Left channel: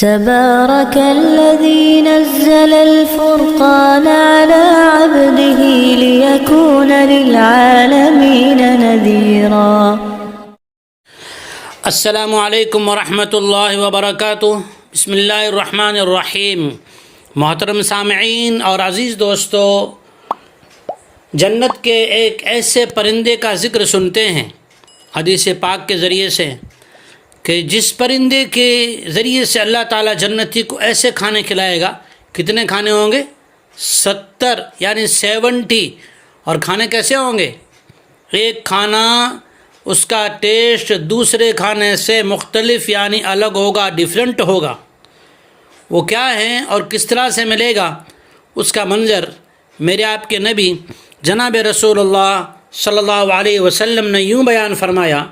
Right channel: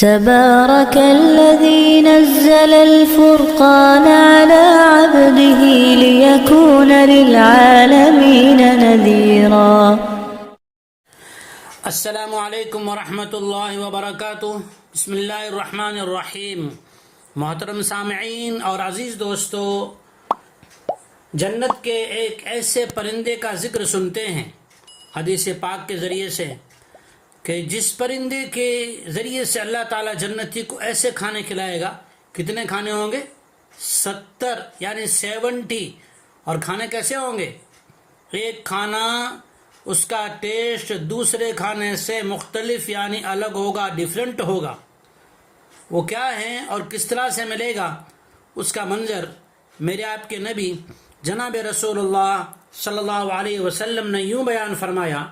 تبارك الذي نزل الفرقان على عبده ليكون للعالمين نذيرا۔ السلام علیکم ورحمۃ اللہ وبرکاتہ۔ بسم اللہ الرحمن الرحیم۔ محترم سامعین اور عزیز دوستو، جنت کے ایک ایسے پرندے کا ذکر سنتے ہیں حدیث پاک کے ذریعے سے کہ جس پرندے کے ذریعے سے اللہ تعالیٰ جنتی کو ایسے کھانے کھلائے گا۔ کتنے کھانے ہوں گے؟ 70 یعنی 70۔ اور کھانے کیسے ہوں گے؟ ایک کھانا اس کا ٹیسٹ دوسرے کھانے سے مختلف یعنی الگ ہوگا، ڈیفرنٹ ہوگا۔ وہ کیا ہیں اور کس طرح سے ملے گا، اس کا منظر میرے آپ کے نبی جناب رسول اللہ صلی اللہ علیہ وسلم نے یوں بیان فرمایا۔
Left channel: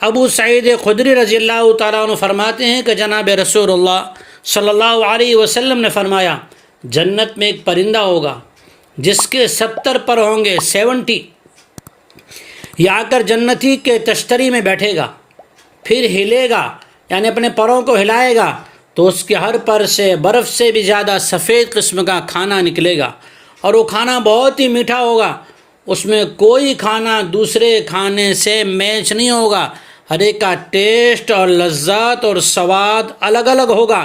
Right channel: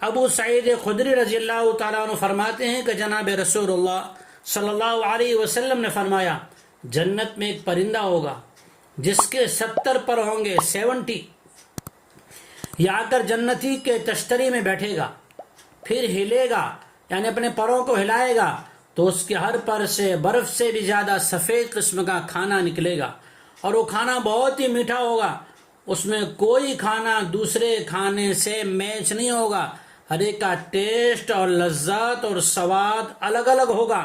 ابو سعید خدری رضی اللہ تعالیٰ عنہ فرماتے ہیں کہ جناب رسول اللہ صلی اللہ علیہ وسلم نے فرمایا، جنت میں ایک پرندہ ہوگا جس کے 70 پر ہوں گے، 70۔ یہ آ کر جنتی کے تشتری میں بیٹھے گا، پھر ہلے گا یعنی اپنے پروں کو ہلائے گا تو اس کے ہر پر سے برف سے بھی زیادہ سفید قسم کا کھانا نکلے گا، اور وہ کھانا بہت ہی میٹھا ہوگا۔ اس میں کوئی کھانا دوسرے کھانے سے میچ نہیں ہوگا، ہر ایک کا ٹیسٹ اور لذت اور سواد الگ الگ ہوگا۔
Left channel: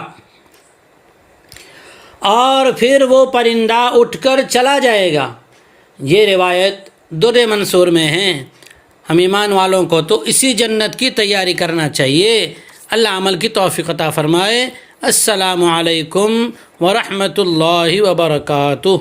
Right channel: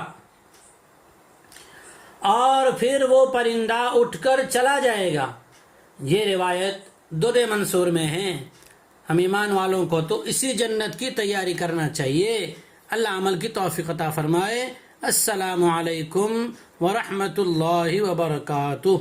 اور پھر وہ پرندہ اٹھ کر چلا جائے گا۔ یہ روایت در منصور میں ہے۔ ہم ایمان والوں کو تو اسی جنت کی تیاری کرنا چاہیے۔ اللہ عمل کی توفیق عطا فرمائے۔ السلام علیکم ورحمۃ اللہ وبرکاتہ۔